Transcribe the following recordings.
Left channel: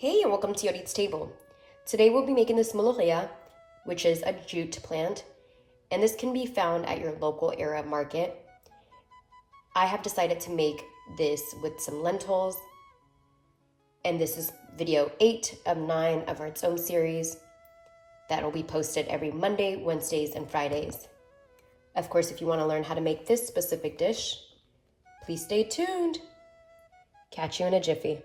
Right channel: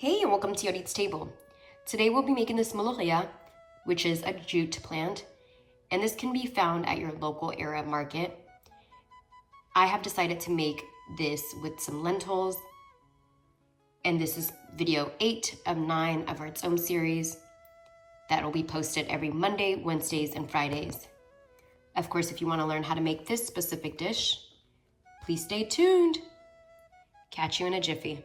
Hey, and welcome to Yodit's Table. Today we'll be making this MOLOKHIA, which is a jute plant, and this can be found at your local area market. I have decided to make this with some lentils, and this is video 8 of 9 of our Tsom series that will be posted every Monday, Wednesdays, and Fridays. Of course, if you want to learn how to make this specific dish, please stay tuned. Catch you in a jiffy.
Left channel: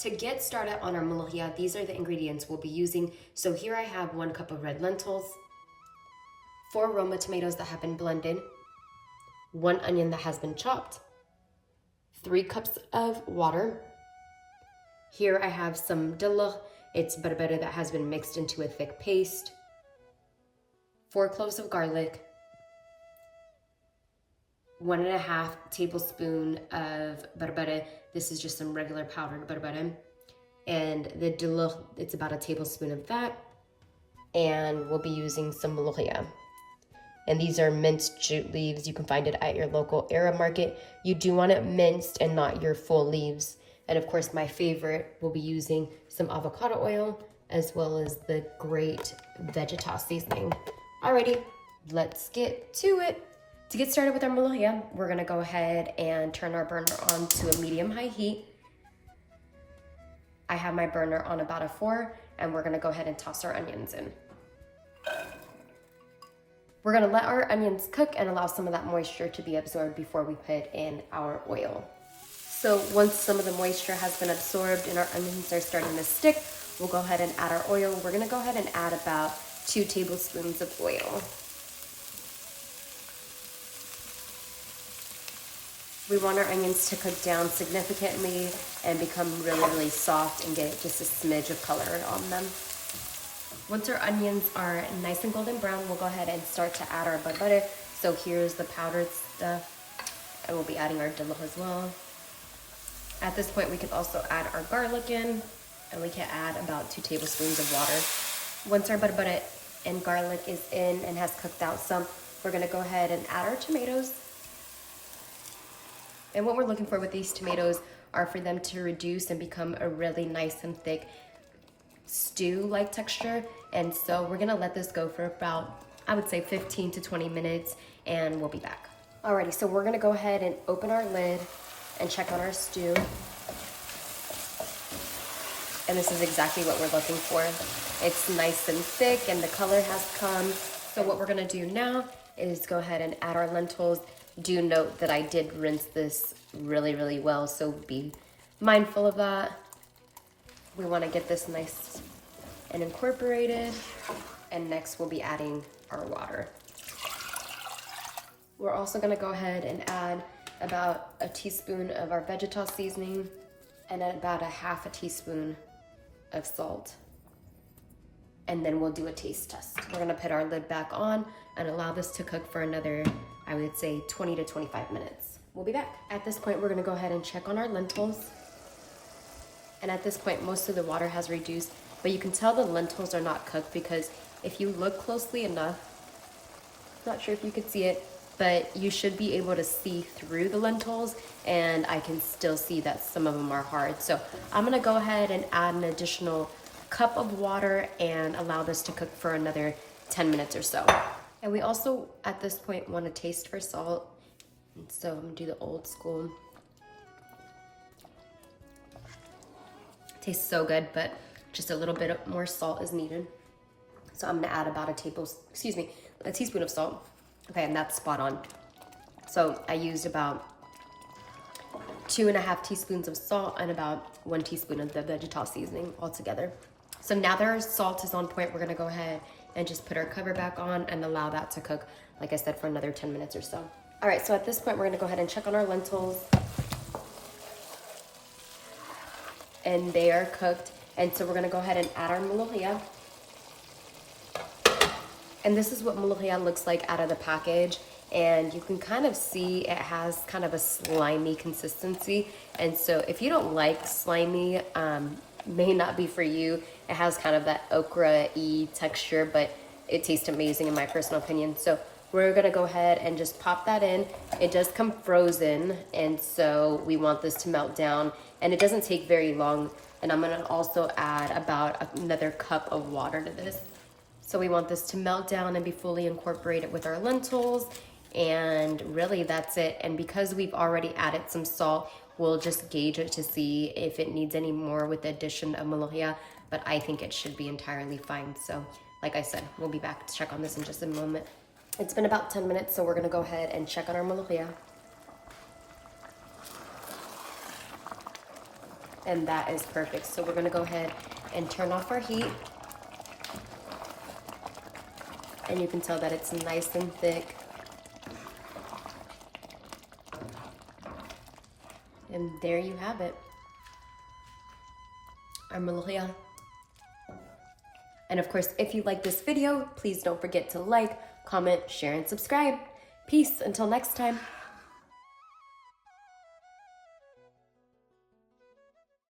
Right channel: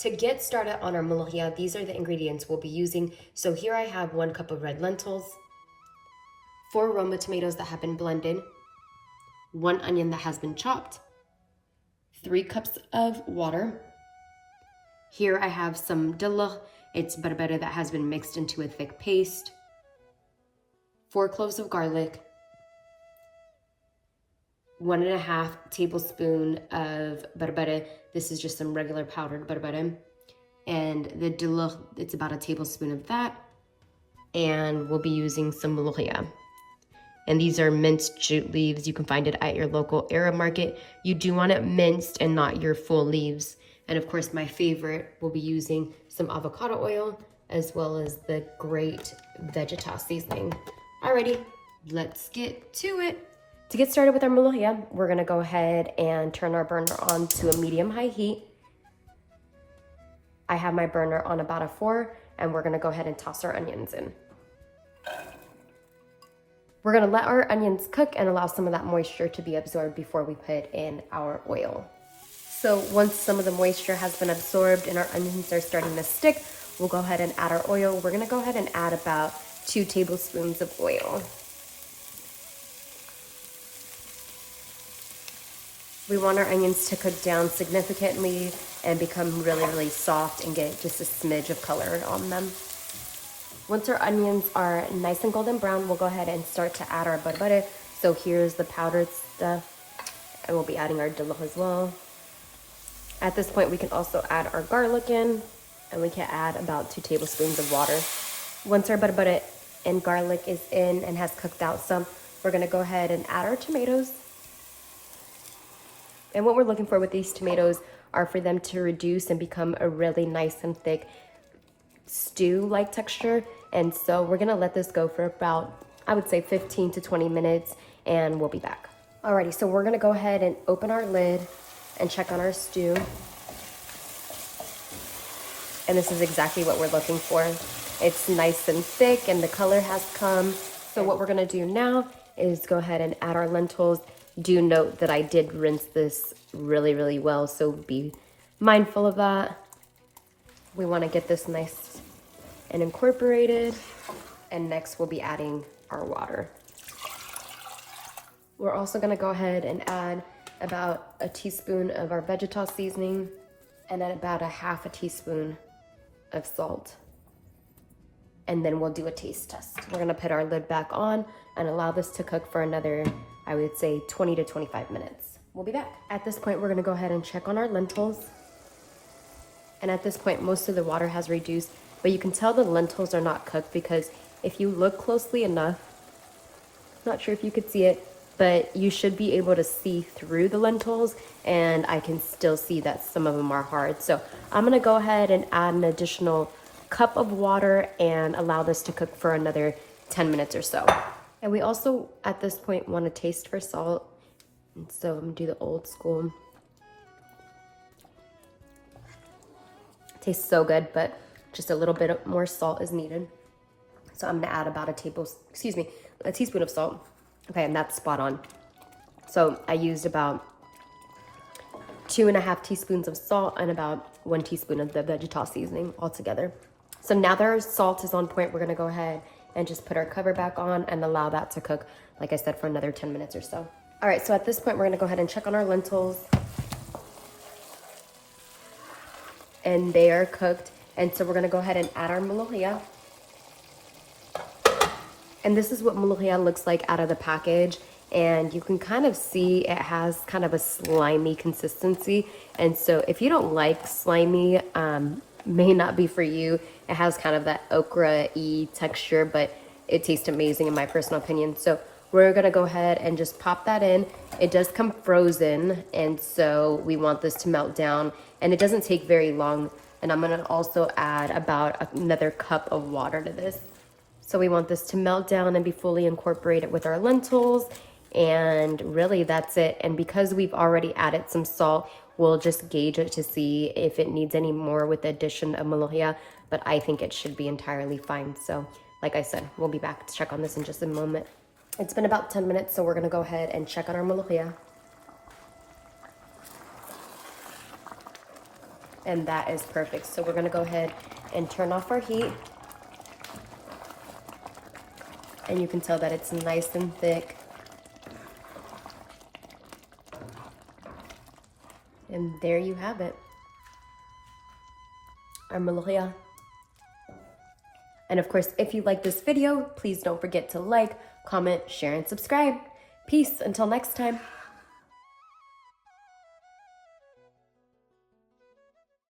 To get started on our MOLOKHIA, these are the ingredients we'll be using. So here I have 1 cup of red lentils, 4 roma tomatoes that have been blended, 1 onion that has been chopped, 3 cups of water. Here I have some dilik, it's berbere that has been mixed into a thick paste, 4 cloves of garlic, 1.5 tablespoon of berbere. This is just some regular powdered berbere. And the dilik, it's about a tablespoon of that. And we'll be using some MOLOKHIA. And these are minced jute leaves. You can find it at your local area market. You do want it minced and not your full leaves. And of course, my favorite, we'll be using some avocado oil as well as the great vegeta seasoning. Alrighty, let's get to it. To get started with our MOLOKHIA, we're gonna go ahead and turn our burner on to a medium-high heat. I have my burner on about a 4, and we're gonna go ahead and toss our onions in. We're gonna let our onions cook and allow some of that moisture to be absorbed before we put in our oil. So once some of the moisture has been absorbed and our onions are starting to stick, we'll go ahead and add our oil. We're gonna go ahead and add about 2 tablespoons of oil. We want our onions to cook down significantly and become really soft and get just a smidge of color on them. Once our onions are nice and golden brown, we'll go ahead and start to add our berbere. So here's the powdered stuff, and we'll be adding our dilik as well. At this point, we can also add our garlic in, and we can add about 2 tablespoons of water. Once our berbere and garlic is in and has cooked out some, we're gonna go ahead and add our tomatoes. And what we're looking for with these tomatoes are for them to reduce and become a really nice and thick stew-like texture. And so we're gonna let this go for about, I would say 15 to 20 minutes, and we'll be back. Alrighty, so we're gonna go ahead and open our lid and check on our stew. And this is exactly what we're looking for. It's nice and thick and the color has come. So what we're gonna do now is go ahead and add our lentils. Do note that I did rinse this really well, so be mindful of that. We want to get this nice and incorporated. And next we'll be adding our water. We're also going to go ahead and add about a teaspoon of our vegeta seasoning and then about 1/2 teaspoon of salt. And then we'll do a taste test. We're gonna put our lid back on and allow this to cook for another, I would say 20 to 25 minutes. We'll be back. At this point, we're gonna go ahead and check on our lentils. And at this point, most of the water has reduced, but you can tell the lentils are not cooked because if you look closely enough, not sure if you could see it, but you should be able to see through the lentils, and I can still see that some of them are hard. So I'm gonna go ahead and add an additional cup of water and allow this to cook for another 10 minutes or so. And we also, at this point, want to taste for salt. And so I'm gonna do the old school. Tastes so good, but just a little bit more salt is needed. So I'm gonna add about a teaspoon of salt. Okay, and that's spot on. So I used about 2.5 teaspoons of salt and about 1 teaspoon of the vegeta seasoning altogether. So now that our salt is on point, we're gonna go ahead and just put our cover back on and allow that to cook, like I said, for another 10 minutes or so. All right, so at this point, we're gonna go ahead and check on our lentils. And they are cooked. And so we're gonna go ahead and add our MOLOKHIA. And this is what MOLOKHIA looks like out of the package. And you can kind of see it has kind of a slimy consistency. And so if you don't like slimy, may not be for you. It has kind of that okra-y texture, but it tastes amazing in my personal opinion. So we're gonna go ahead and just pop that in. It does come frozen, and so we want this to melt down, and it doesn't take very long And I'm gonna also add about another cup of water to this. So we want this to melt down and be fully incorporated with our lentils. And really that's it. And because we've already added some salt, we'll just gauge it to see if it needs any more with the addition of MOLOKHIA, but I think it should be entirely fine. So like I said, we'll be back to check on this in just a moment. It's been about 10 minutes, so we're gonna go ahead and check on our MOLOKHIA. And that is perfect. So we're gonna go ahead and turn off our heat. And you can tell that it's nice and thick. And there you have it, our MOLOKHIA. And of course, if you like this video, please don't forget to like, comment, share, and subscribe. Peace until next time.